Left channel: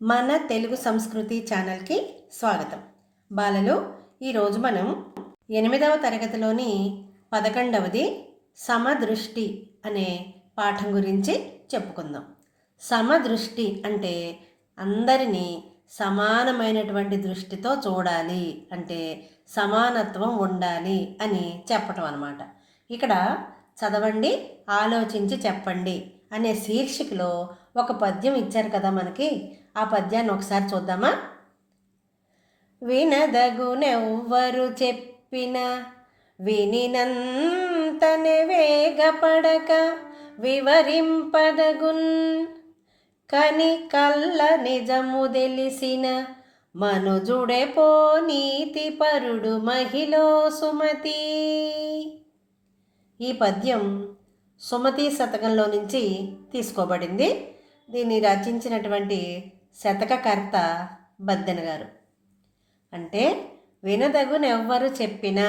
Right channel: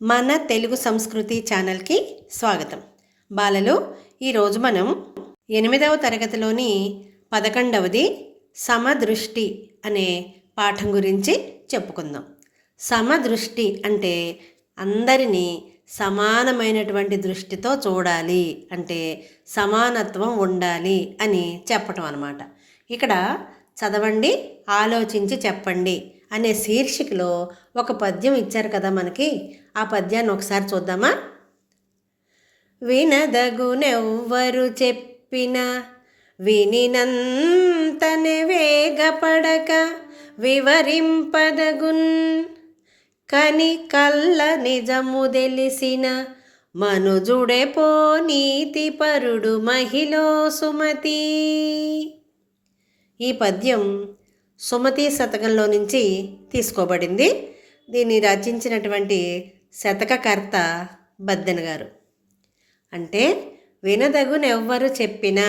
మన తెలుగు సంస్కృతి ఛానల్కి స్వాగతం. బాలలు, ఈరోజు మనం 8వ తరగతిలోని 11వది సమదృష్టి అనే పాఠం గురించి చెప్పుకుందాం. సమదృష్టి అంటే అందరినీ సమానమైనటువంటి దృష్టితో చూడాలి, అంటే సమానత్వం ఉండాలి అని చెప్పటం అన్నమాట. ఇక్కడ చదవండి, ఆలోచించి చెప్పండి అనే శీర్షికలో ఒక పద్యం ఇచ్చారు కదా మనకి. ఆ పద్యాన్ని ఒకసారి చూద్దామా? వినదగునెవ్వరు చెప్పిన వినినంతనే వేగపడక వివరింపదగున్ కని కల్ల నిజము తెలిసిన మనుజుడే పో నీతిపరుడు మహిళో సుమతి. ఈ పద్యం సుమతి శతకంలో నుంచి తీసుకోబడింది. దీన్ని రచించినటువంటి శతకకర్త బద్దెన గారు. అంటే వినదగునెవ్వరు చెప్పినా,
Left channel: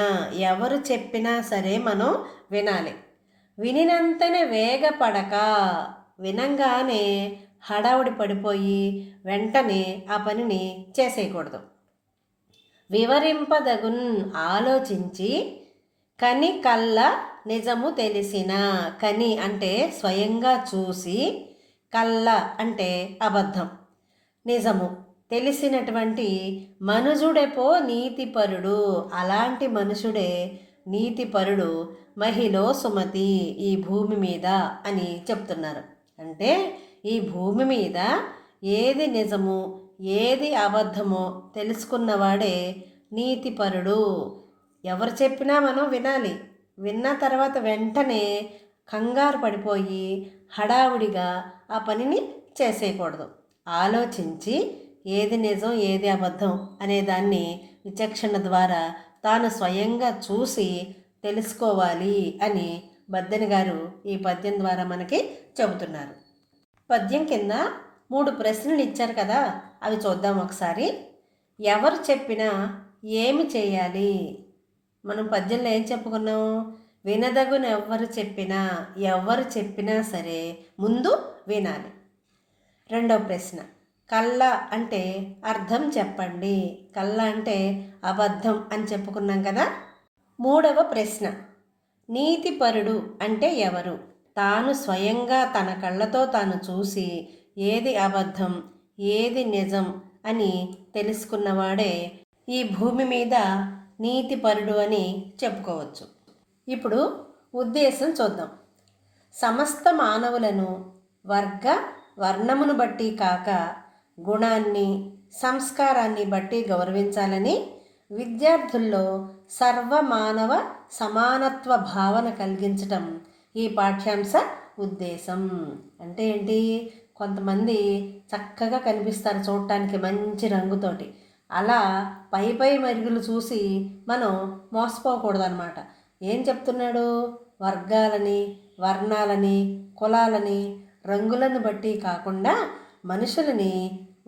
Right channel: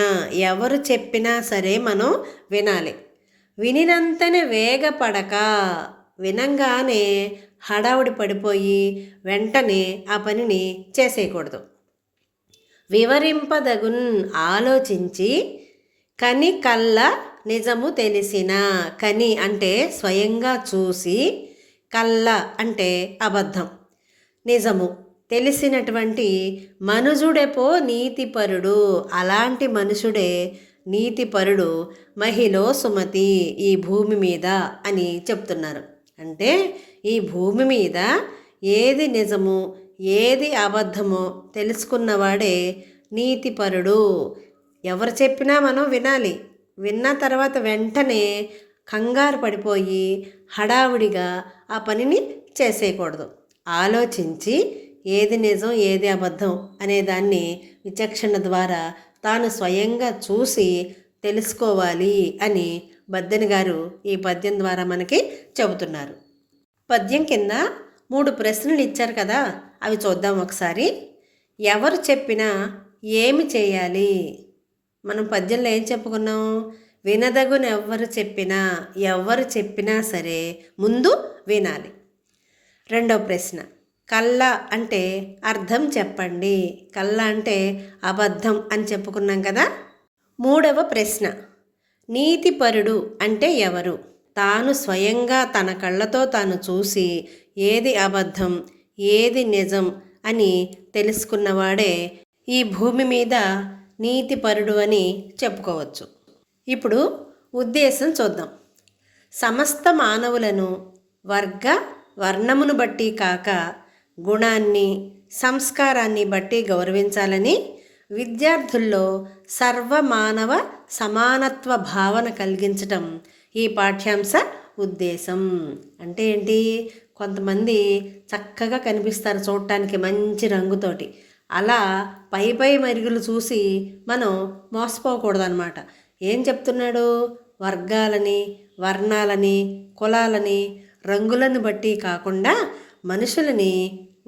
ఎవరు చెప్పినా సరే మనం వినాలి. వినినంతనే వేగపడక, వినంగానే హడావుడి పడిపోయి వెంటనే ఆ పనిని చేసేయకూడదు. వివరింపదగున్, ఆలోచించి, కని కల్ల నిజము తెలిసిన, కని అంటే స్వయంగా చూసి, కల్ల అంటే అబద్ధం, నిజము తెలిసినటువంటి మనుజుడెపో నీతిపరుడు, అలాంటి మనుషుడే నీతిపరుడు మహిళో సుమతి, ఈ భూమి మీద అని చెప్తున్నారు. అంటే ఈ భూమి మీద ఏది నిజము ఏది అబద్ధమో తెలుసుకున్నవాడే నీతిపరుడు. ఎవరు చెప్పినా మనం వినాలి. విన్న తర్వాత వెంటనే కంగారు పడిపోయి హడావుడిగా ఆ పనిని చేసేయకూడదు. ఆలోచించి ఏది నిజం ఏది అబద్ధం అనేదాన్ని విచక్షణ ద్వారా తాను స్వయంగా చూసి తెలుసుకోవాలి అని బద్దెన గారు ఈ పద్యం ద్వారా మనకి చెబుతున్నారు. పద్యం కింద 3 ప్రశ్నలు ఇచ్చారు కదా, అవి చూద్దాం ఒకసారి. ఎవరు చెప్పినా ఏమి చేయాలి? మనం పద్యంలో ఏం చెప్పుకున్నాం? వినదగున ఎవరు చెప్పినా సరే ముందు వినాలి. రెండవ ప్రశ్న, కల్ల అంటే అర్థం చెప్పండి. కల్ల అంటే అబద్ధం అని చెప్పుకున్నాం కదా. మూడవ ప్రశ్న, నీతిపరుడు అంటే ఎవరు? తాను స్వయంగా తన కళ్ళతో తాను చూసి ఏది అబద్ధం ఏది నిజం అని తెలుసుకున్నవాడే ఈ భూమి మీద నీతిపరుడు అని చెప్పుకోవచ్చు. ఇప్పుడు ఉద్దేశం చూద్దాం. సమస్త మానవులను వర్గ వర్ణమును బట్టి కాక గుణాన్ని సంస్కారాన్ని బట్టి గౌరవించాలని విద్యార్థుల్లో సర్వమానవ సమానత్వ భావన కలిగించటం ఈ పాఠ్యాంశ ఉద్దేశం. అంటే ఏంటి? కొంతమంది చక్కగా కనిపిస్తారు చూడటానికి మంచి రంగుతోటి. అలా పై మెరుగులు చూసి మనం మోసపోకూడదన్నమాట. ఏం చెప్తున్నాడు? వర్గాలని వర్ణాలని కులాలని రంగులను బట్టి కాకుండా మనుషులని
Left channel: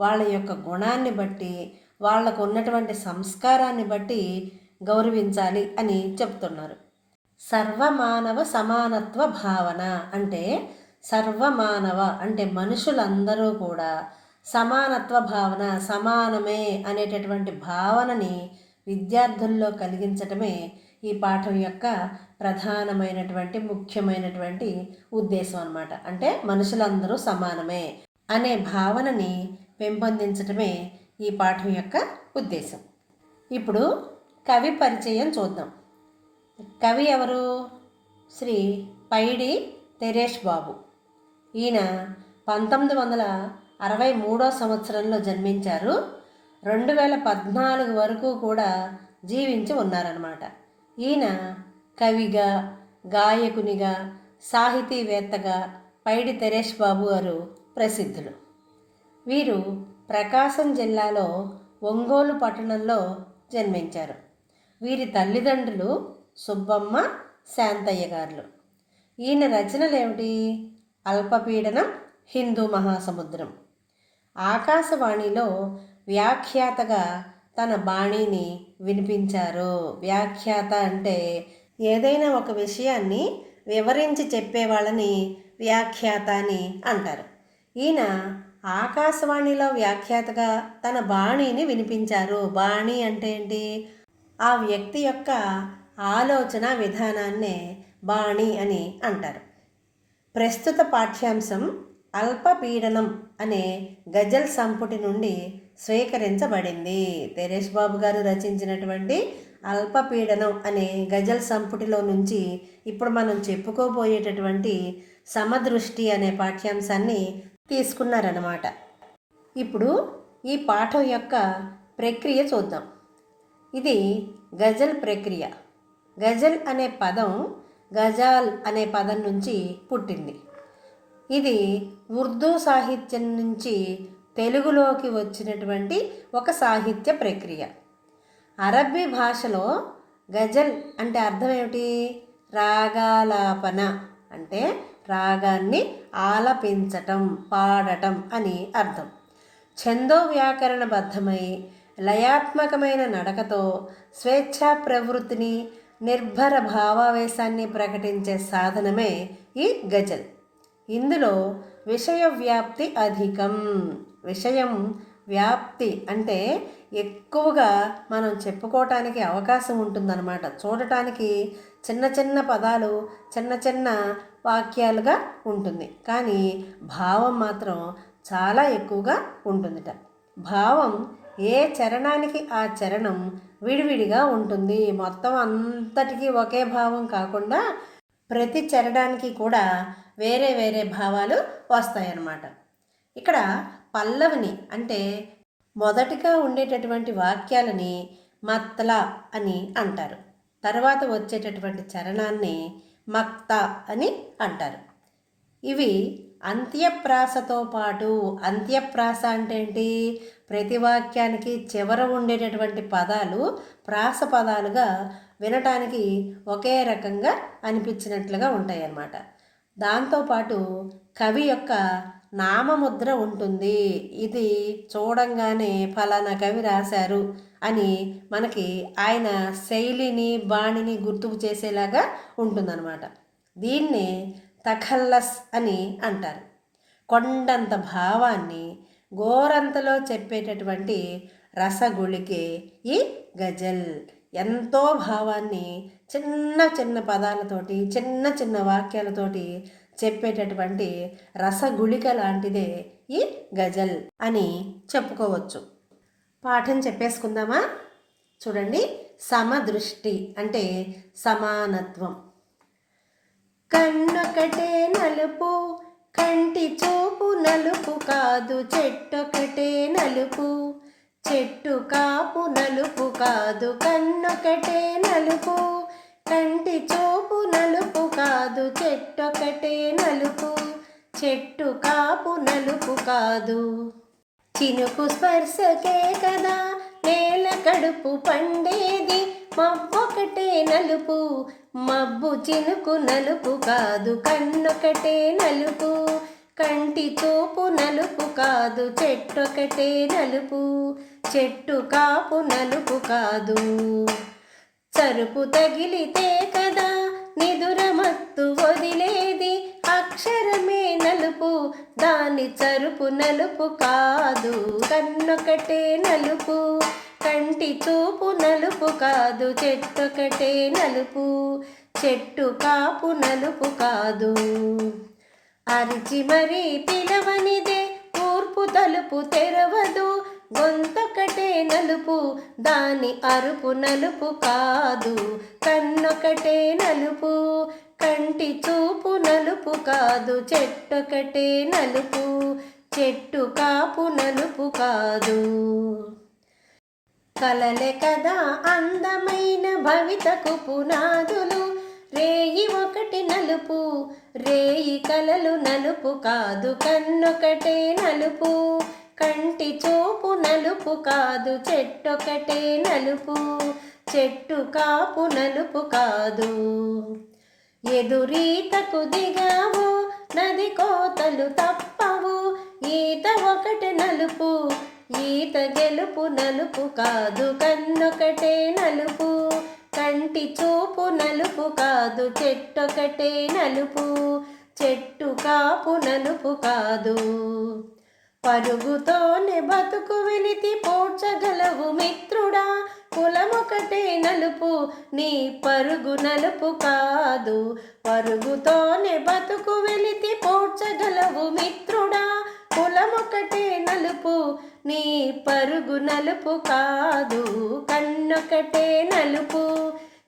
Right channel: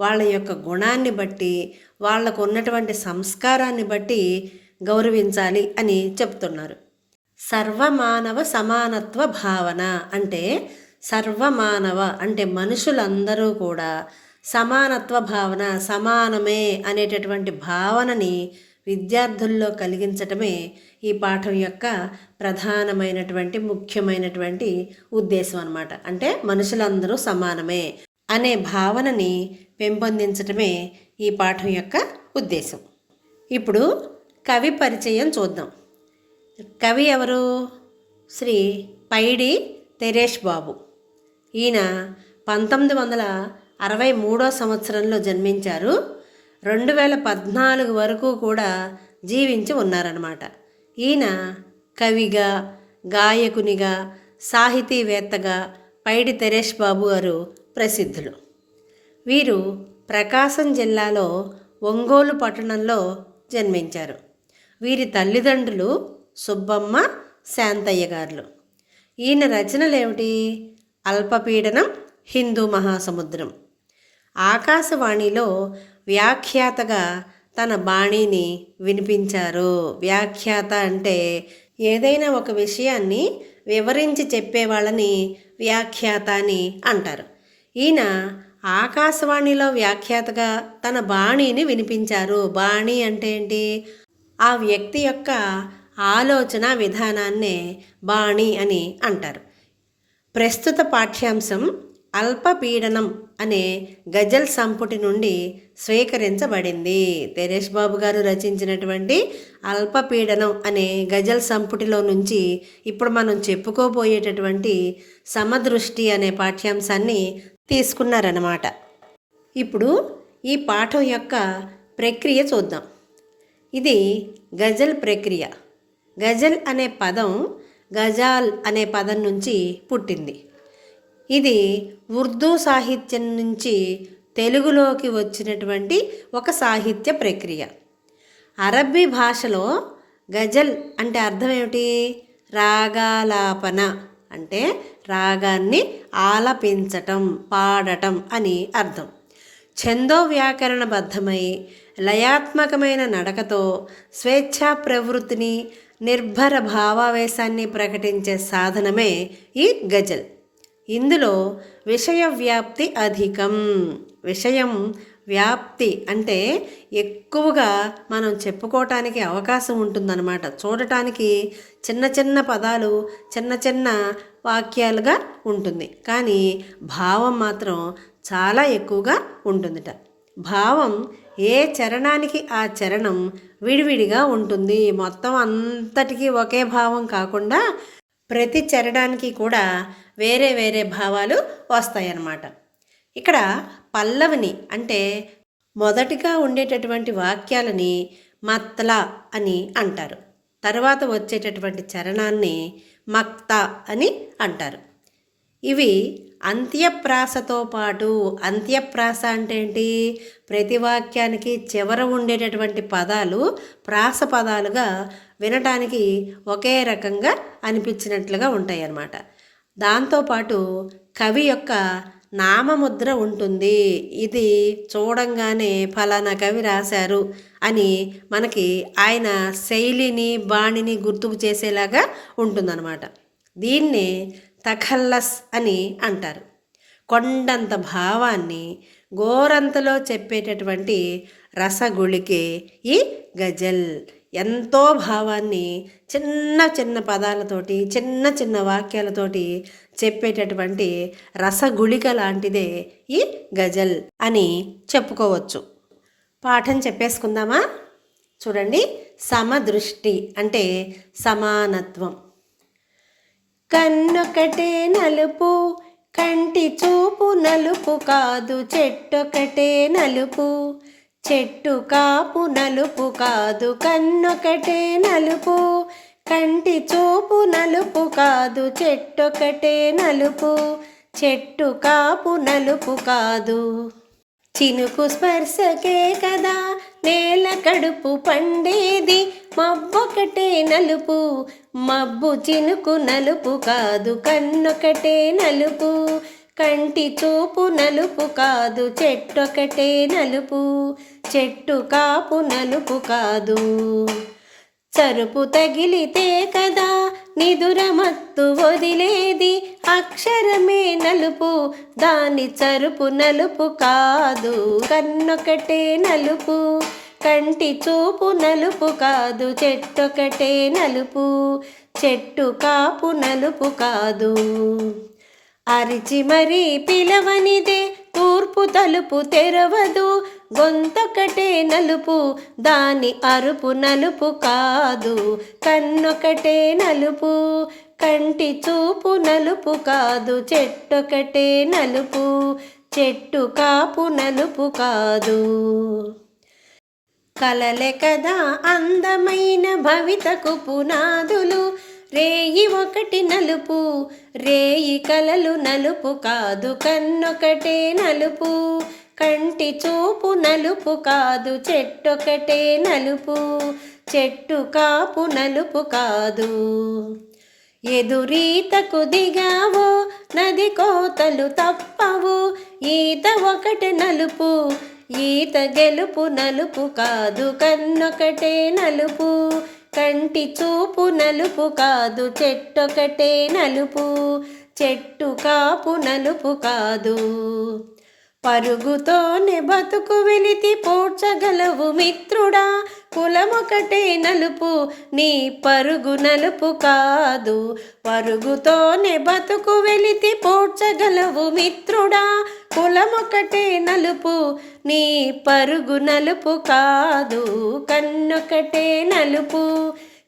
వాళ్ళ యొక్క గుణాన్ని బట్టి వాళ్లకు ఉన్నటువంటి సంస్కారాన్ని బట్టి గౌరవించాలి అని చెప్తున్నారు. సర్వమానవ సమానత్వ భావన అంటే సర్వమానవ అంటే మనుషులందరూ కూడా సమానత్వ భావన, సమానమే అనేటటువంటి భావనని విద్యార్థుల్లో కలిగించటమే ఈ పాఠం యొక్క ప్రధానమైనటువంటి ముఖ్యమైనటువంటి ఉద్దేశం అన్నమాట. అంటే మనుషులందరూ సమానమే అనే భావనని పెంపొందించటమే ఈ పాఠం యొక్క ఉద్దేశం. ఇప్పుడు కవి పరిచయం చూద్దాం. కవి ఎవరు? శ్రీ పైడి తెరేష్ బాబు. ఈయన 1963 సంవత్సరంలో జన్మించారు. 2014 వరకు కూడా జీవించి ఉన్నారన్నమాట. ఈయన కవిగా, గాయకునిగా, సాహితీవేత్తగా పైడి తెరేష్ బాబు గారు ప్రసిద్ధులు. వీరు ప్రకాశం జిల్లాలో ఒంగోలు పట్టణంలో జన్మించారు. వీరి తల్లిదండ్రులు సుబ్బమ్మ, శాంతయ్య గారులు. ఈయన రచనలు ఏమిటి? అల్పపీడనం, హిందూ మహాసముద్రం. ఆకాశవాణిలో వ్యాఖ్యాతగా తన బాణీని వినిపించారు. వ్యాఖ్యాత అంటే ఏదైనా ఒక విషయాన్ని వివరించి చెప్పేవాళ్ళని వ్యాఖ్యాత అని అంటారు. ఈయన ఆకాశవాణిలో వ్యాఖ్యాతగా తన బాణీని వినిపించారు. బాణీ అంటే ఏంటి? ఆ వ్యక్తి యొక్క ఆలోచన విధానాన్నే బాణీ అని అంటారు. ప్రస్తుత పాఠ్యాంశం అల్పపీడనం అనే గజల్ సంపుటి నుండి స్వీకరించబడింది. తెరేష్ బాబు గారు రచించినటువంటి అల్పపీడనం అనే గజల్ సంపుటిలో నుంచి ఇప్పుడు మనం చెప్పుకోబోయేటటువంటి సమదృష్టి అనే పాఠ్యాంశాన్ని తీసుకున్నారన్నమాట. ఇప్పుడు ఈ పాఠం యొక్క ప్రక్రియ చూద్దాం. ఇది గజల్ ప్రక్రియ. గజల్ అనే పదం గజాల్ అనే పదం నుంచి పుట్టింది. ఇది ఉర్దూ సాహిత్యం నుంచి తెలుగులోకి వచ్చినటువంటి ఒక సాహిత్య ప్రక్రియ. అరబ్బీ భాషలో గజల్ అంటే అర్థం ఏమిటి? రాగాలాపన అంటే రాగాన్ని ఆలపించటం, పాడటం అని అర్థం. ఛందో వ్యాకరణబద్ధమై లయాత్మకమైన నడకతో స్వేచ్ఛా ప్రవృత్తిని, నిర్భర భావావేశాన్ని ప్రకటించే సాధనమే ఈ గజల్. ఇందులో విషయ వ్యాప్తి అధికం. విషయం వ్యాప్తి అంటే ఎక్కువగా మనం చెప్పుకోవటానికి అవకాశం ఉంటుందన్నమాట. చూడటానికి చిన్న చిన్న పదాలు, చిన్న చిన్న వాక్యాలుగా ఉంటుంది, కానీ భావం మాత్రం చాలా ఎక్కువగా ఉంటుందిట. భావం ఏ చరణానికి ఆ చరణం విడివిడిగా ఉంటుంది. మొత్తం అంతటికీ ఒకే భావం కాకుండా ప్రతి చరణానికి కూడా వేరే వేరే భావాలు వస్తాయన్నమాట. ఇక్కడ పల్లవిని అంటే మొదటిగా ఉండేటటువంటి వాక్యాలని మత్లా అని అంటారు. తర్వాత వచ్చేటటువంటి చరణాన్ని మక్తా అని అంటారు. ఇవి అంత్యప్రాసతో పాటు, అంత్యప్రాస అంటే ఏంటి? ప్రతి వాక్యానికి చివర ఉండేటటువంటి పదాలు ప్రాస పదాలుగా వినటానికి ఒకే రకంగా అనిపించినట్లుగా ఉంటాయి అన్నమాట. దాంతోపాటు కవి యొక్క నామముద్ర ఉంటుంది. ఇది చూడంగానే ఫలానా కవి రాశారు అని మనకి ఆయన శైలిని, బాణిని గుర్తుకు చేసేలాగా ఉంటుందన్నమాట. దీన్నే తఖల్లస్ అని అంటారు. కొండంత భావాన్ని గోరంతలో చెప్పేటటువంటి రసగుళికే ఈ గజల్. ఎంతో భావాన్ని చిన్న చిన్న పదాలతోటి, చిన్న చిన్న వాక్యాలతోటి చెప్పేటటువంటి రసగుళిక లాంటిదే ఈ గజల్ అని చెప్పుకోవచ్చు. పాఠం చెప్పేసుకుందామా? చూడండి. సమదృష్టి అంటే సమానత్వం. కన్నొకటే నలుపు, కంటి చూపు నలుపు కాదు, చెట్టొకటే నలుపు, చెట్టు కాపు నలుపు కాదు, కన్నొకటే నలుపు, కంటి చూపు నలుపు కాదు, చెట్టొకటే నలుపు, చెట్టు కాపు నలుపు కాదు. చినుకు స్పర్శకే కదా నేల కడుపు పండేది, మబ్బొకటే నలుపు, మబ్బు చినుకు నలుపు కాదు, కన్నొకటే నలుపు, కంటి చూపు నలుపు కాదు, చెట్టొకటే నలుపు, చెట్టు కాపు నలుపు కాదు. చరుపు తగిలితే కదా నిదుర మత్తు వదిలేది, అక్షరమే నలుపు, దాని చరుపు నలుపు కాదు, కన్నొకటే నలుపు, కంటి చూపు నలుపు కాదు, చెట్టొకటే నలుపు, చెట్టు కాపు నలుపు కాదు. అరిచి మరీ పిలవనిదే తూర్పు తలుపు తెరవదు, గొంతొకటే నలుపు, దాని అరుపు నలుపు కాదు, కన్నొకటే నలుపు, కంటి చూపు నలుపు కాదు, చెట్టొకటే నలుపు, చెట్టు కాపు నలుపు కాదు. కలలే కదా అందమైన భవితకు పునాదులు, రేయి ఒకటి నలుపు, రేయి కలలు నలుపు కాదు, కన్నొకటే నలుపు, కంటి చూపు నలుపు కాదు, చెట్టొకటే నలుపు, చెట్టు కాపు నలుపు కాదు. ఎదురీతకు దిగావు నది కోతలు తప్పవు, ఈత ఒకటి నలుపు, ఈత గెలుపు నలుపు కాదు, కన్నొకటే నలుపు, కంటి చూపు నలుపు కాదు, చెట్టొకటే నలుపు, చెట్టు కాపు నలుపు కాదు. పరుగుతోనే బతుకు వెలితి పోడ్చగలవు మిత్రుడా, కులమొకటే నలుపు నీ పరుగు నలుపు కాదు. పరుగుతోనే బతుకు వెలితి పోడ్చగలవు మిత్రుడా, కులమొకటే నలుపు నీ పరుగు నలుపు కాదు. కన్నొకటే నలుపు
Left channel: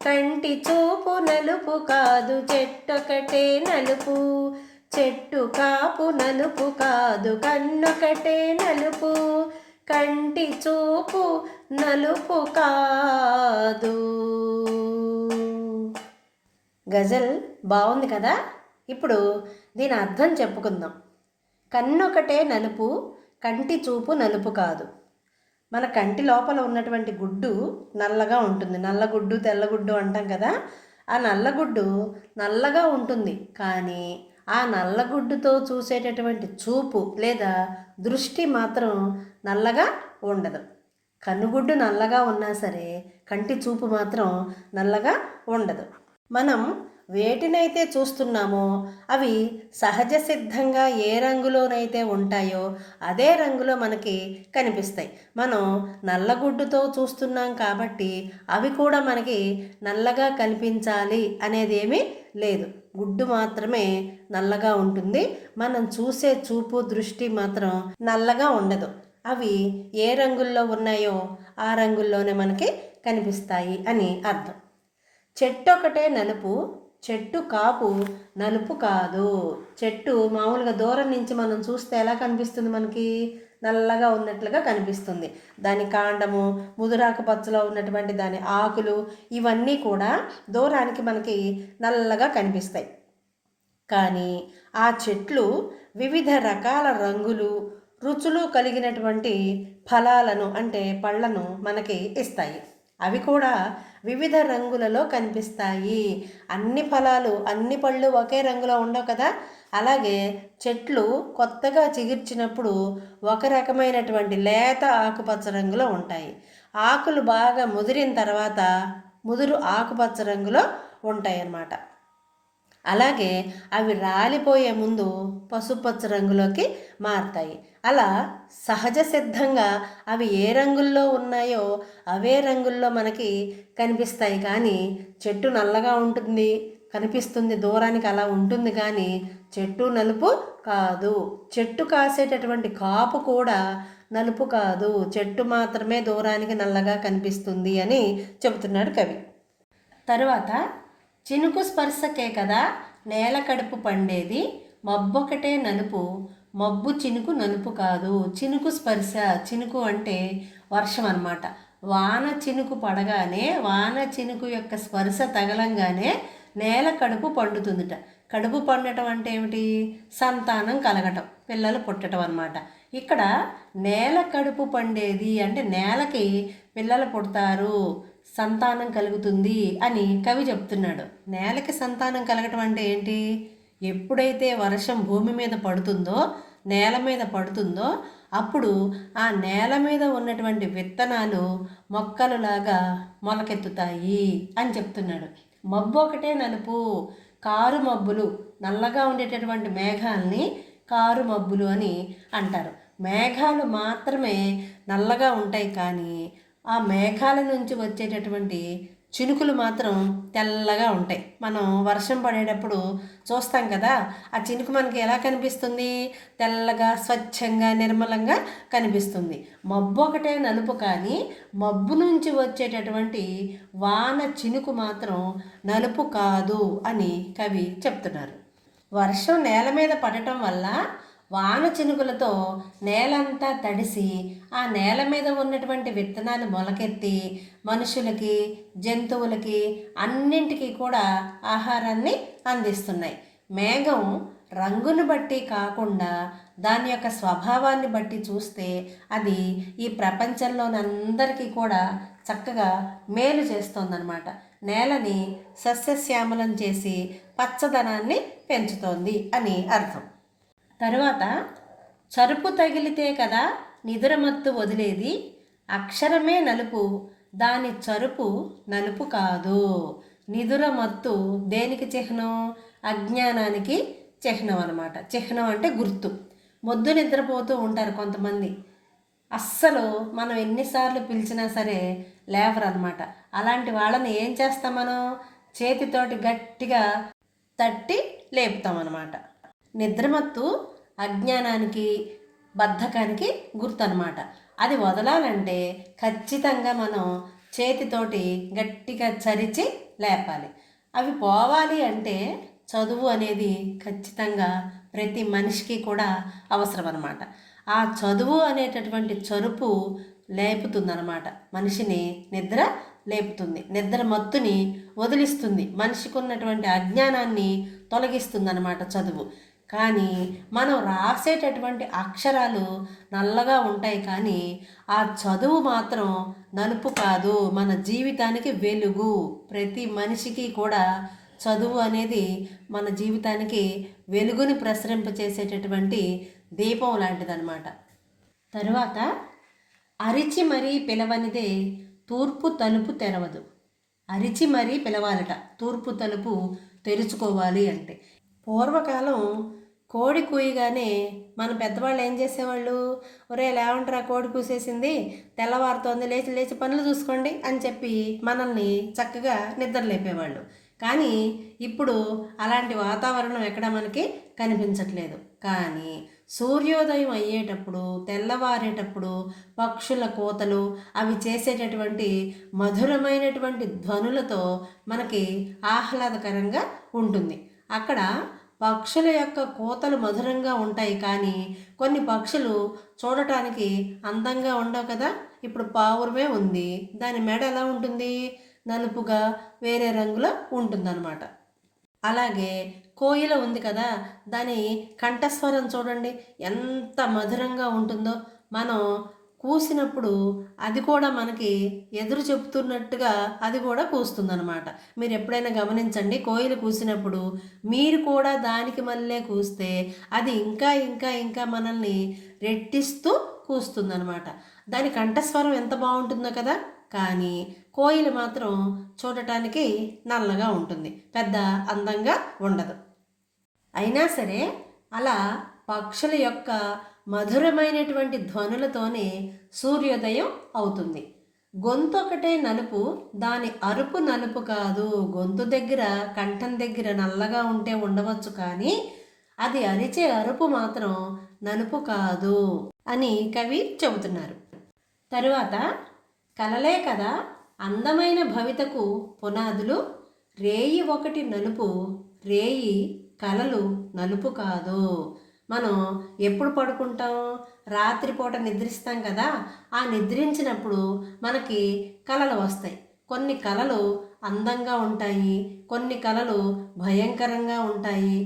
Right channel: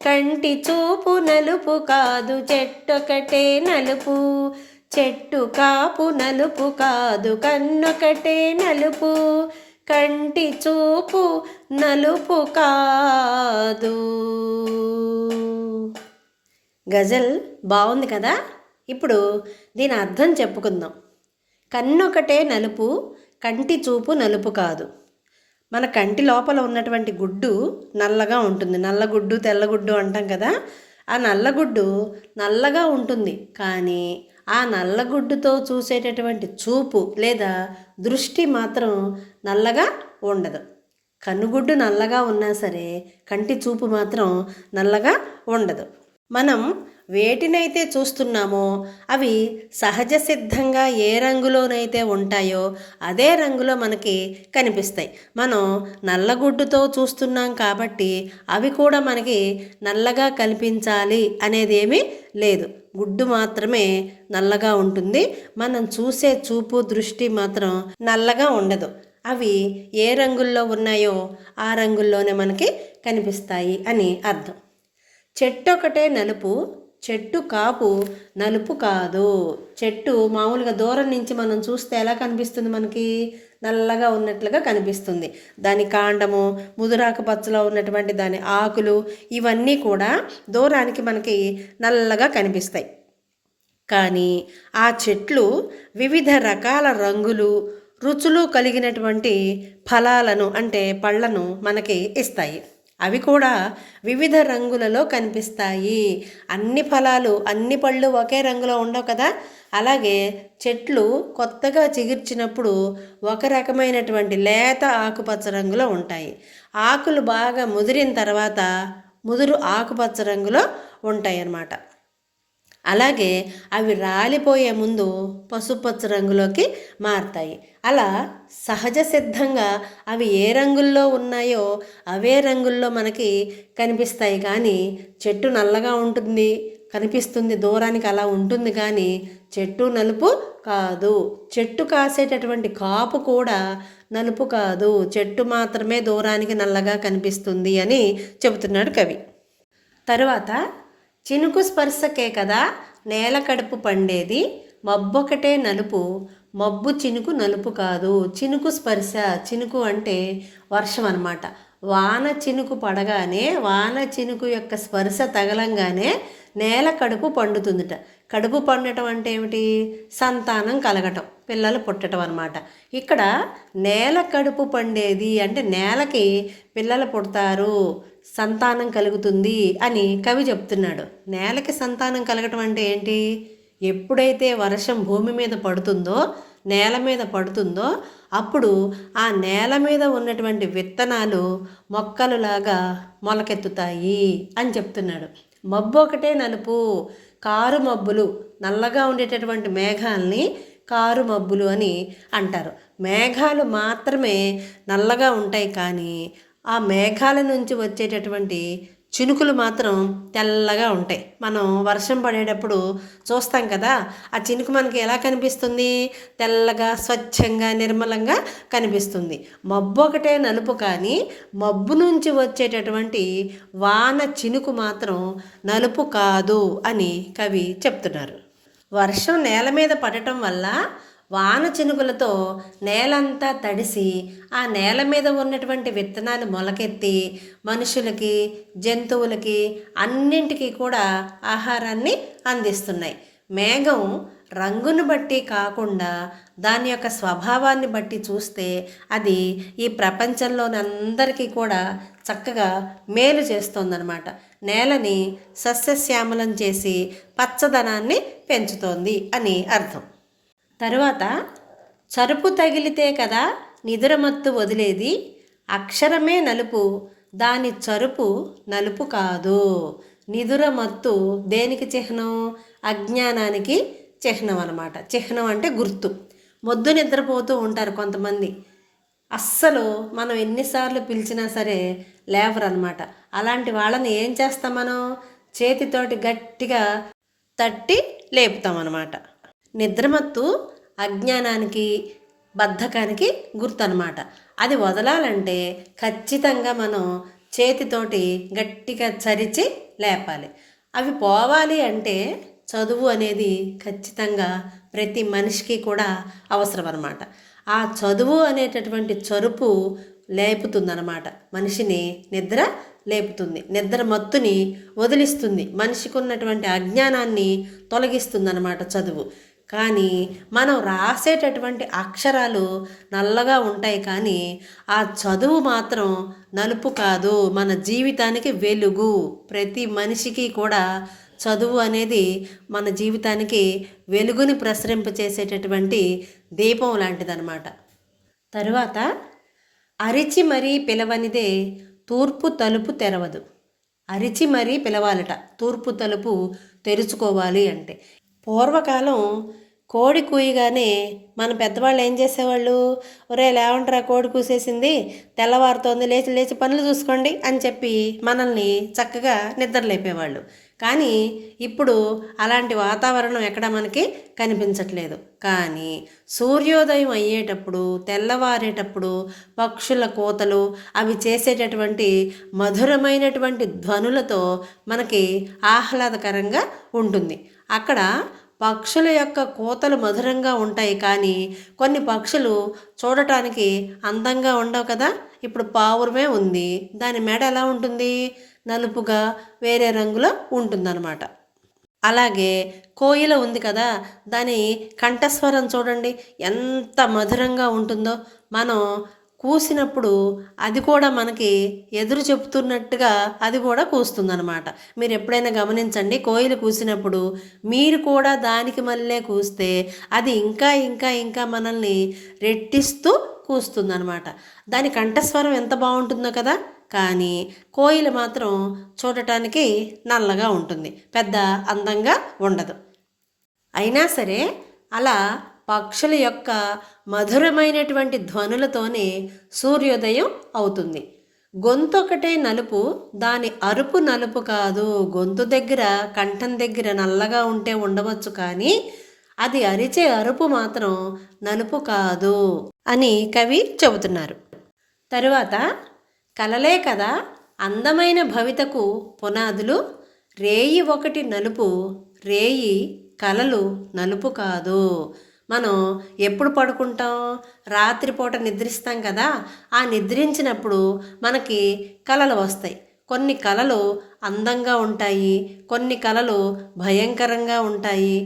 కంటి చూపు నలుపు కాదు, చెట్టొకటే నలుపు చెట్టు కాపు నలుపు కాదు. కన్నొకటే నలుపు కంటి చూపు నలుపు కాదు. గజల్ బాగుంది కదా. ఇప్పుడు దీని అర్థం చెప్పుకుందాం. కన్నొకటే నలుపు కంటి చూపు నలుపు కాదు. మన కంటి లోపల ఉన్నటువంటి గుడ్డు నల్లగా ఉంటుంది. నల్లగుడ్డు తెల్లగుడ్డు అంటాం కదా. ఆ నల్లగుడ్డు నల్లగా ఉంటుంది, కానీ ఆ నల్లగుడ్డుతో చూసేటటువంటి చూపు లేదా దృష్టి మాత్రం నల్లగా ఉండదు. కన్నుగుడ్డు నల్లగా ఉన్నా సరే కంటి చూపు మాత్రం నల్లగా ఉండదు. మనం వేటినైతే చూస్తున్నామో అవి సహజ సిద్ధంగా ఏ రంగులోనైతే ఉంటాయో అదే రంగులో మనకి కనిపిస్తాయి. మనం నల్లగుడ్డుతో చూస్తున్నాం కాబట్టి అవి కూడా మనకి నల్లగా కనిపించాలి అనేది ఏమీ లేదు. గుడ్డు మాత్రమే నల్లగా ఉంటుంది. మనం చూసే చూపు దృష్టి మాత్రం నల్లగా ఉండదు. అవి ఏ రంగుల్లో ఉన్నాయో ఆ రంగుల్లోనే మనకి కనిపిస్తాయి అని అర్థం. చెట్టు ఒకటే నలుపు చెట్టు కాపు నలుపు కాదు. చెట్టు మామూలుగా దూరం నుంచి మనం చూస్తే ఎలా కనిపిస్తుంది? మనకి నల్లగా ఉన్నట్లుగా కనిపిస్తుంది. దాని కాండము, ముదురాకు పచ్చలో ఉన్నటువంటి దాని ఆకులు ఇవన్నీ కూడా దూరానికి మనకి నల్లగా కనిపిస్తాయి. కానీ ఆ చెట్లు వివిధ రకాల రంగులు, రుచులు కలిగినటువంటి ఫలాలను అంటే పళ్ళను మనకి ఇస్తాయి. అవి కూడా వివిధ రంగులలో కనిపిస్తాయి. అన్ని ఫలాలు, అన్ని పళ్ళు ఒకే రంగులో ఉండవు కదా. అలాగే చెట్లు కొత్తగా చిగుర్చినప్పుడు ఒక రకమైనటువంటి లేత ఆకుపచ్చ రంగులో ఉంటాయి. ఆకులు బాగా ముదిరిన తర్వాత ముదురు ఆకుపచ్చ రంగులో ఉంటాయి అన్నమాట. అలాగే అవి రాలిపోయే ముందు పసుపచ్చ రంగులోకి మారుతాయి. అలా సహజ సిద్ధంగా అవి ఏ రంగుల్లో ఉన్నాయో అవే రంగుల్లో మనకి కనిపిస్తాయి. కానీ చెట్టు నల్లగా ఉంటుంది కనిపిస్తుంది దూరానికి, అలా ఉంటుంది. కానీ చెట్టు నలుపు కాదు. చెట్టు కాసేటటువంటి కాపు కూడా నలుపు కాదు. చెట్టు మాత్రమే దూరానికి నల్లగా కనిపిస్తుంది అని చెబుతున్నాడు కవి. తరువాత చినుకు స్పర్శకే కదా నేల కడుపు పండేది, మబ్బొకటే నలుపు మబ్బు చినుకు నలుపు కాదు. చినుకు స్పర్శ, చినుకు అంటే వర్షం అన్నమాట. వాన చినుకు పడగానే, వాన చినుకు యొక్క స్పర్శ తగలంగానే నేల కడుపు పండుతుందిట. కడుపు పండటం అంటే ఏమిటి? సంతానం కలగటం, పిల్లలు పుట్టడం అన్నమాట. ఇక్కడ నేల కడుపు పండేది అంటే నేలకి పిల్లలు పుడతారు, సంతానం కలుగుతుంది అని కవి చెప్తున్నాడు. నేలకి సంతానం కలగటం అంటే ఏంటి? ఎప్పుడైతే వర్షం భూమి మీద పడుతుందో, నేల మీద పడుతుందో అప్పుడు ఆ నేల మీద ఉన్నటువంటి విత్తనాలు మొక్కలులాగా మొలకెత్తుతాయి అని చెప్తున్నాడు. మబ్బు ఒకటే నలుపు, కారు మబ్బులు, నల్లగా ఉండేటటువంటి మేఘాలని కారు మబ్బులు అని అంటారు. మేఘాలు మాత్రమే నల్లగా ఉంటాయి, కానీ ఆ మేఘాల నుంచి వచ్చేటటువంటి చినుకులు మాత్రం తెల్లగా ఉంటాయి. మనం వర్షం పడేటప్పుడు చూస్తాం కదా, ఆ చినుకు మనకి ఎలా కనిపిస్తుంది? తెల్లగా, స్వచ్ఛంగా, నిర్మలంగా కనిపిస్తుంది. మబ్బు ఒకటే నలుపు, కానీ మబ్బు నుంచి వచ్చేటటువంటి వాన చినుకు మాత్రం నలుపు కాదు అని కవి చెప్తున్నారు. వర్షం నేల మీద పడటం వల్ల వాన చినుకులతో నేలంతా తడిసి ఆ నేల మీద ఉన్నటువంటి విత్తనాలు మొలకెత్తి మనుషులకి, జంతువులకి అన్నింటికీ కూడా ఆహారాన్ని అందిస్తున్నాయి. మేఘం రంగును బట్టి కాకుండా దాని యొక్క స్వభావాన్ని బట్టి చూస్తే అది ఈ ప్రపంచంలోని అందరికీ కూడా చక్కగా మేలు చేస్తోందన్నమాట. నేలని సస్యశ్యామలం చేసి పచ్చదనాన్ని పెంచుతోంది అని అర్థం. తరువాత చరుపు తగిలితే కదా నిదురమత్తు వదిలేది, అక్షరమే నలుపు దాని చరుపు నలుపు కాదు. నిదురమత్తు దేనికి చిహ్నం? అజ్ఞానానికి చిహ్నం అన్నమాట. చిహ్నం అంటే గుర్తు. మొద్దు నిద్రపోతూ ఉంటారు కొంతమంది. అస్సలు మనం ఎన్నిసార్లు పిలిచినా సరే లేవరనమాట. అలాంటి వాళ్ళని ఏం చేస్తాం మనం? చేతితోటి గట్టిగా తట్టి లేపుతామన్నమాట. నిద్రమత్తు అజ్ఞానానికి, బద్ధకానికి గుర్తనమాట. అది వదలాలంటే ఖచ్చితంగా మనం చేతితోటి గట్టిగా చరిచి లేపాలి. అవి పోవాలి అంటే చదువు అనేది ఖచ్చితంగా ప్రతి మనిషికి కూడా అవసరం అన్నమాట. ఆ చదువు అనేటటువంటి చరుపు లేపుతుందన్నమాట. మనిషిని నిద్ర లేపుతుంది, నిద్ర మత్తుని వదిలిస్తుంది, మనిషికి ఉన్నటువంటి అజ్ఞానాన్ని తొలగిస్తుందన్నమాట చదువు. కానీ మనం రాసేటటువంటి అక్షరాలు నల్లగా ఉంటాయి, కానీ ఆ చదువు మాత్రం నలుపు కాదు, మన జీవితానికి వెలుగు. ప్రతి మనిషికి కూడా చదువు అనేది మన జీవితానికి వెలుగుని ప్రసరింపచేసేటటువంటి దీపం లాంటిదన్నమాట. తరువాత అరిచి మరీ పిలవనిదే తూర్పు తలుపు తెరవదు. అరిచి మరీ పిలవాలట తూర్పు తలుపు తెరుచుకోవాలి అంటే. పూర్వకాలం కోడి కూయగానే మన పెద్దవాళ్ళు ఏం చేసేవాళ్ళు? ఒరే లేవంట్రా, కోడి కూసేసింది, తెల్లవారుతోంది, లేచి లేచి పనులు చూసుకోండి అని చెప్పి మనల్ని చక్కగా నిద్ర లేపేవాళ్ళు. కానీ ఇప్పుడు అలాంటి వాతావరణం ఎక్కడ మనకి కనిపించట్లేదు. కానీ సూర్యోదయం అయ్యేటప్పుడు, తెల్లవారేటప్పుడు పక్షుల కోతలు, అవి చేసేటటువంటి మధురమైనటువంటి ధ్వనులతో మనకి ఆహ్లాదకరంగా ఉంటుంది. అక్కడ పక్షుల యొక్క కోతలు మధురంగా ఉంటాయి, కానీ కొన్ని పక్షులు చూడటానికి అందంగా ఉండవు కదా. ఇప్పుడు పావురమే ఉంది, దాని మెడ ఎలా ఉంటుంది? నలుపుగా వేరే రంగులో ఉంటుందన్నమాట. అలాగే కోయిల ఉంది కదా, దాని కంఠస్వరం చూడండి ఎంత మధురంగా ఉంటుందో. మనం కూసినప్పుడు అది కూడా మనకి ఎదురు చెప్తున్నట్టుగా అది కూడా కూస్తుందన్నమాట. మీరు ఎప్పుడైనా గమనించండి, కోయిల కూసినప్పుడు మీరు కూడా దానికి మళ్ళీ కూస్తే అది ఇంకా ఇంకా ఇంకా మనల్ని రెట్టిస్తూ కూస్తుందన్నమాట. దాని కంఠస్వరం ఎంత బాగుంటుందో కదా. కానీ కోయిల మాత్రం చూడటానికి నల్లగా ఉంటుంది, పెద్ద అందంగా ఉండదు. అయినా సరే అలా పక్షుల యొక్క మధురమైనటువంటి ధ్వనులతోనే సూర్యోదయం అవుతుంది. గొంతు ఒకటే నలుపు, దాని అరుపు నలుపు కాదు. గొంతు దగ్గర, కంఠం దగ్గర నల్లగా ఉంటే ఉండవచ్చు, కానీ అది అరిచే అరుపు మాత్రం నలుపు కాదు అని కవి చెబుతున్నారు. తరువాత కలలే కదా అందమైన భవితకు పునాదులు, రేయి ఒకటి నలుపు, రేయి కలలు నలుపు కాదు. మనం ఎప్పుడు పడుకుంటాం? రాత్రిపూట నిద్రిస్తాం కదా. ఆ నిద్రించినప్పుడు మనకి కలలు వస్తాయి. కొన్ని కలలు అందంగా ఉంటాయి, కొన్ని కలలు భయంకరంగా ఉంటాయి,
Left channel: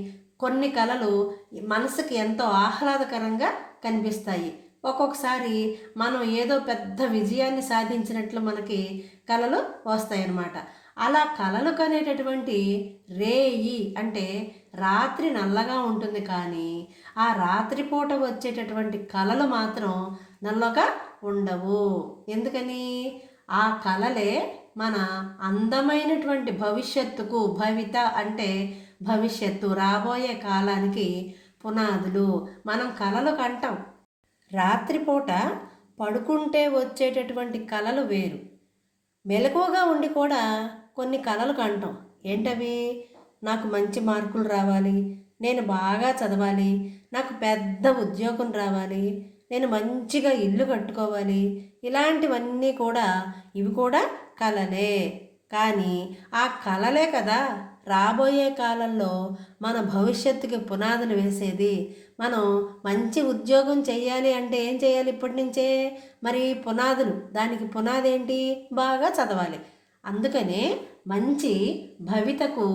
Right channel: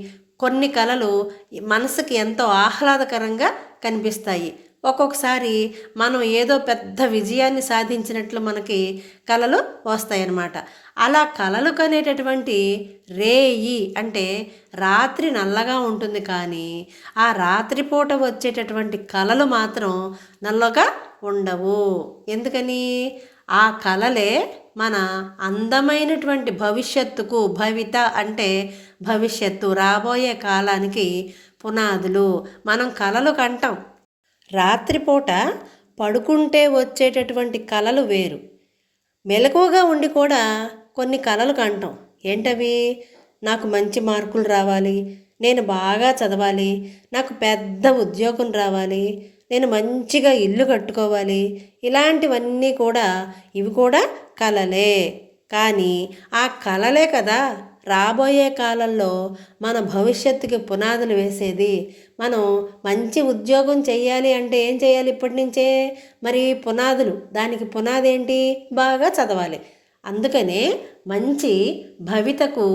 కొన్ని కలలు మనసుకి ఎంతో ఆహ్లాదకరంగా కనిపిస్తాయి. ఒక్కొక్కసారి మనం ఏదో పెద్ద విజయాన్ని సాధించినట్లు మనకి కలలు వస్తాయన్నమాట. అలా కలలు కనేటటువంటి రేయి అంటే రాత్రి నల్లగా ఉంటుంది, కానీ ఆ రాత్రిపూట వచ్చేటటువంటి కలలు మాత్రం నల్లగా ఉండవు. ఎందుకని? ఆ కలలే మన అందమైనటువంటి భవిష్యత్తుకు, భవిత అంటే భవిష్యత్తు, రాబోయే కాలానికి పునాదులు. మనం కలలు కంటాం. రాత్రిపూట పడుకుంటే వచ్చేటటువంటి కలలు వేరు, మెలకువగా ఉండి కూడా కొన్ని కలలు కంటాం. ఏంటవి? నాకు మంచి మార్కులు రావాలి, నేను బాగా చదవాలి, నాకు పెద్ద ఉద్యోగం రావాలి, నేను మంచిగా ఇల్లు కట్టుకోవాలి. ఇలాంటివన్నీ కూడా, ఇవి కూడా కలలే. కానీ ఆ కలలే కదా రాబోయే కాలంలో మన భవిష్యత్తుకి పునాదులు వేసేది. మనం మంచి ఉద్యోగం చేయాలి అంటే ఏం చేయాలి? ఇప్పటి నుంచే మరి పునాదులు. దానికి పునాది ఏంటి? బాగా చదవాలి. అందుకనే మంచి భవితకు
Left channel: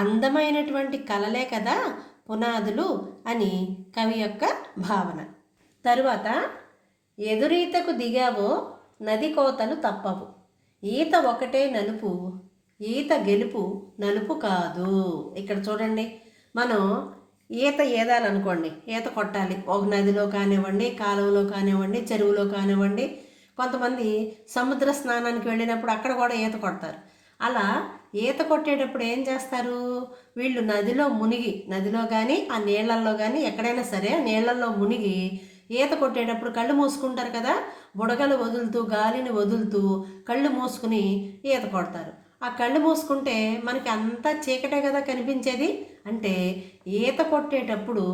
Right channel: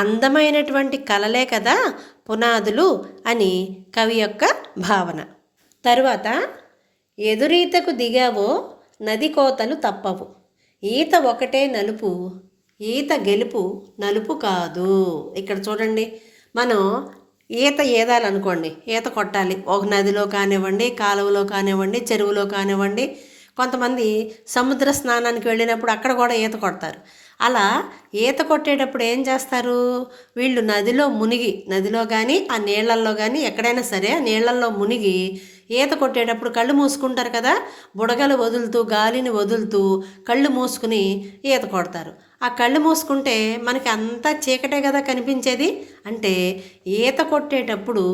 అందమైనటువంటి కలలే కదా పునాదులు అని కవి యొక్క భావన. తరువాత ఎదురీతకు దిగావో నది కోతలు తప్పవు, ఈత ఒకటే నలుపు, ఈత గెలుపు నలుపు కాదు. ఇక్కడ చూడండి, మనం ఈత ఈదాలనుకోండి, ఈత కొట్టాలి. ఒక నదిలో కానివ్వండి, కాలువలో కానివ్వండి, చెరువులో కానివ్వండి. కొంతమంది సముద్ర స్నానానికి వెళ్ళినప్పుడు అక్కడ కూడా ఈత కొడతారు. అలా ఈత కొట్టేటప్పుడు ఏం చేస్తారు, వీళ్ళు నదిలో కానీ ఆ నీళ్ళల్లో కానీ ఎక్కడైనా సరే ఆ నీళ్ళల్లో మునిగి ఈత కొట్టేటప్పుడు కళ్ళు మూసుకుంటారు కదా, బుడగలు వదులుతూ గాలిని వదులుతూ కళ్ళు మూసుకుని ఈత కొడతారు. ఆ కళ్ళు మూసుకుంటే మనకి అంతా చీకటే కదా కనిపించేది. అంటే ఈత కొట్టేటప్పుడు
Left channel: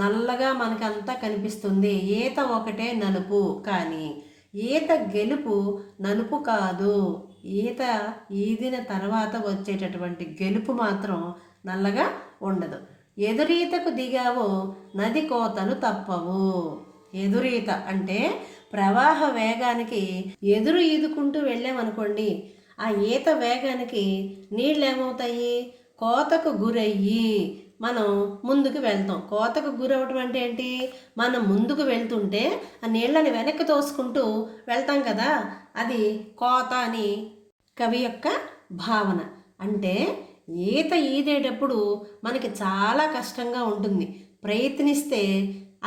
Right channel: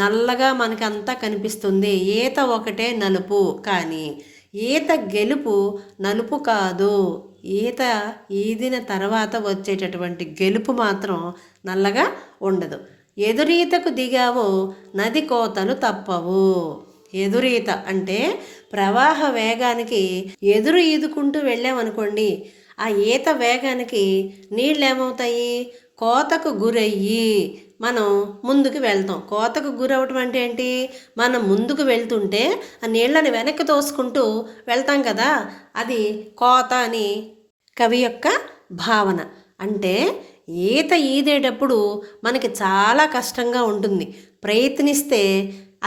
నల్లగా మనకి అంతా కనిపిస్తుంది. ఈత ఒకటే నలుపు, కానీ ఈత గెలుపు నలుపు కాదు. ఈత ఈదిన తర్వాత వచ్చేటటువంటి గెలుపు మాత్రం నల్లగా ఉండదు. ఎదురీతకు దిగావో నది కోతలు తప్పవు. ఎదురీత అంటే ప్రవాహ వేగానికి ఎదురు ఈదుకుంటూ వెళ్ళామనుకోండి, ఆ ఈత వేగానికి నీళ్ళు ఏమవుతాయి, కోతకు గురయ్యి మనం ముందుకు వెళ్తాం. కోతకు గురవటం అంటే ఏంటి, మనం ముందుకు వెళ్తుంటే ఆ నీళ్ళని వెనక్కి తోసుకుంటూ వెళ్తాం కదా, అది కోత అని కవి యొక్క భావన. అంటే ఈత ఈదేటప్పుడు మనకి చాలా కష్టంగా ఉంటుంది, ప్రయత్నిస్తే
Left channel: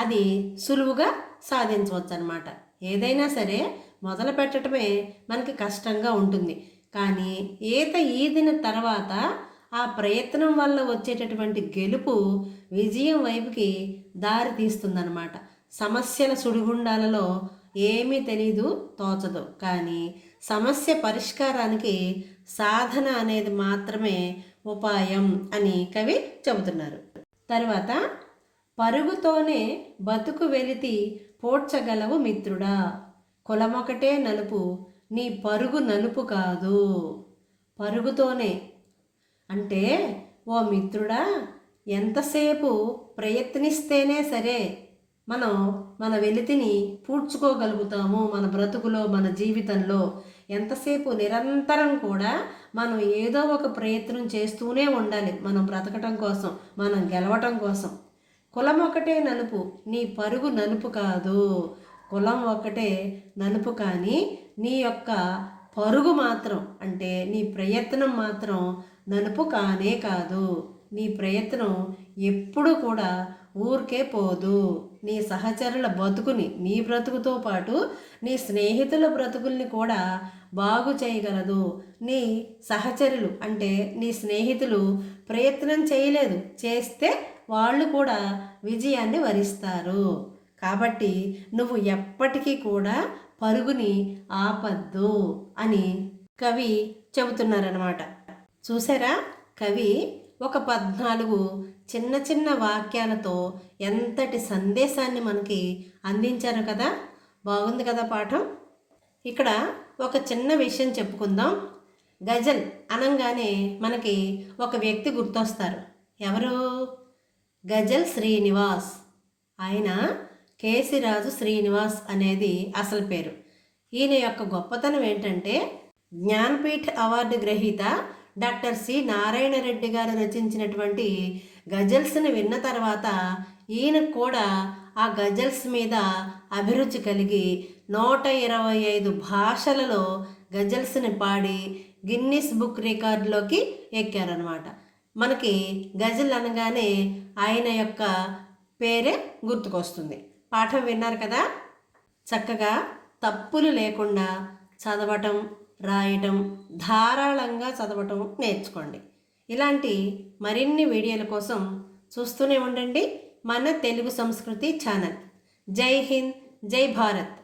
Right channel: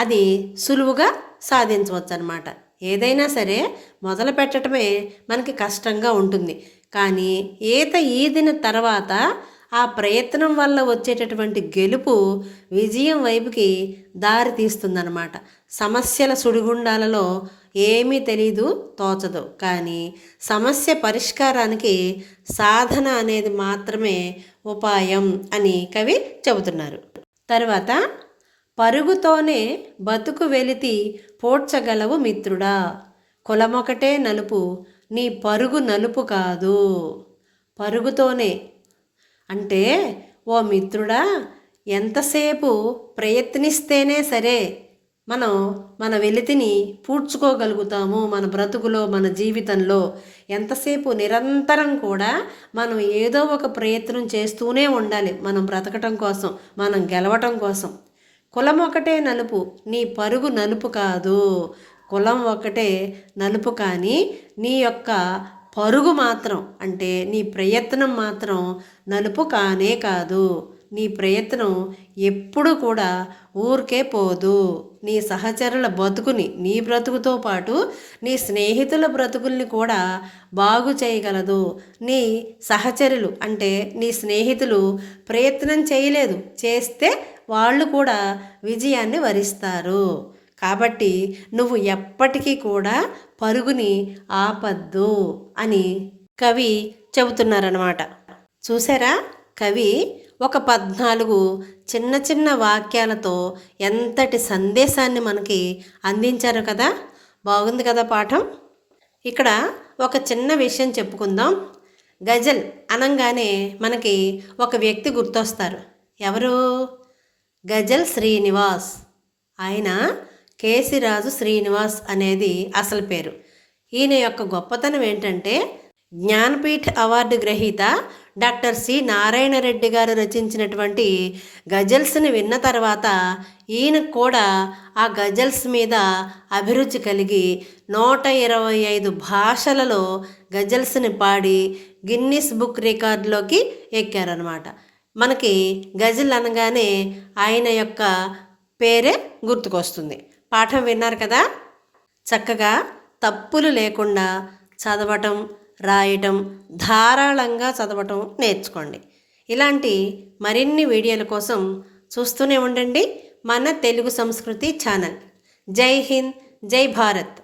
అది సులువుగా సాధించవచ్చు అన్నమాట. ఏదైనా సరే మొదలు పెట్టడమే మనకి కష్టంగా ఉంటుంది, కానీ ఈత ఈదిన తర్వాత ఆ ప్రయత్నం వల్ల వచ్చేటటువంటి గెలుపు విజయం వైపుకి దారి తీస్తుందన్నమాట. సమస్యల సుడిగుండాలలో ఏమీ తెలీదు, తోచదు, కానీ సమస్య పరిష్కారానికి సాధన అనేది మాత్రమే ఉపాయం అని కవి చెబుతున్నారు. తర్వాత, పరుగుతోనే బతుకు వెలితి పోడ్చగలవు మిత్రుడా, కులమొకటే నలుపు నీ పరుగు నలుపు కాదు. పరుగుతోనే అంటే ఓ మిత్రుడా, ఎంతసేపు ప్రయత్నిస్తేనే సరే మనం మన వెలితిని పూడ్చుకోగలుగుతాము. మన బ్రతుకులో, మన జీవితంలో ఎంతసేపు నిరంతరం కూడా మనం ఏదో ఒక ప్రయత్నం చేస్తూనే ఉండాలి, మనం బ్రతకటం కోసం, మనం గెలవటం కోసం. కులం ఒకటే నలుపు నీ పరుగు నలుపు కాదు. కులం ఒకటే నలుపు, కానీ నీ యొక్క పరుగు మాత్రం, అంటే నీ ప్రయత్నం మాత్రం నలుపు కానే కాదు. నీ ప్రయత్నం ఎప్పుడు కూడా ఊరికే పోదు. నీ సహచరుల బతుకుని, నీ బ్రతుకుతో పాటు నీ స్నేహితుల బ్రతుకుల్ని కూడా బాగు చేయగలదు. నీ సహచరులు అంటే నీ స్నేహితులు ప్రయత్నం చేయలేదు, చేస్తే వాళ్ళు కూడా విజయాన్ని వరిస్తారు. కాబట్టి నువ్వు ఎప్పటికీ కూడా పరుగుని ఆపద్దు అని కవి చెబుతున్నారన్నమాట. చూసారా, కవి ఒక 14 చిన్న చిన్న వాక్యాలతో ఎంతటి సందేశాన్ని మనకి అందించారు కదా. బాగుంది కదా పాఠం. ఇక్కడ ఒక చిన్న విషయం చెప్పుకుందాం. గజల్ అనగానే మనకి ఒక వ్యక్తి గుర్తొస్తారు. ఎవరు? గజల్ శ్రీనివాస్. ఆయన కేసిరాజు శ్రీనివాస్ అనేది అసలు పేరు. ఈయన యొక్క గొప్పతనం ఏంటంటే, జ్ఞానపీఠ అవార్డు గ్రహీత డాక్టర్ సి నారాయణ రెడ్డి గారు రచించినటువంటి గజల్స్ని విన్న తర్వాత ఈయనకు కూడా ఆ గజల్స్ మీద అభిరుచి కలిగి 125 భాషలలో గజల్స్ని పాడి గిన్నిస్ బుక్ రికార్డులోకి ఎక్కారనమాట. మనకి గజల్ అనగానే ఆయన యొక్క పేరే గుర్తుకొస్తుంది. పాఠం విన్నారు కదా, చక్కగా తప్పులు లేకుండా చదవటం, రాయటం, ధారాళంగా చదవటం నేర్చుకోండి. ఇలాంటి మరిన్ని వీడియోల కోసం చూస్తూనే ఉండండి మన తెలుగు సంస్కృతి ఛానల్. జై హింద్, జై భారత్.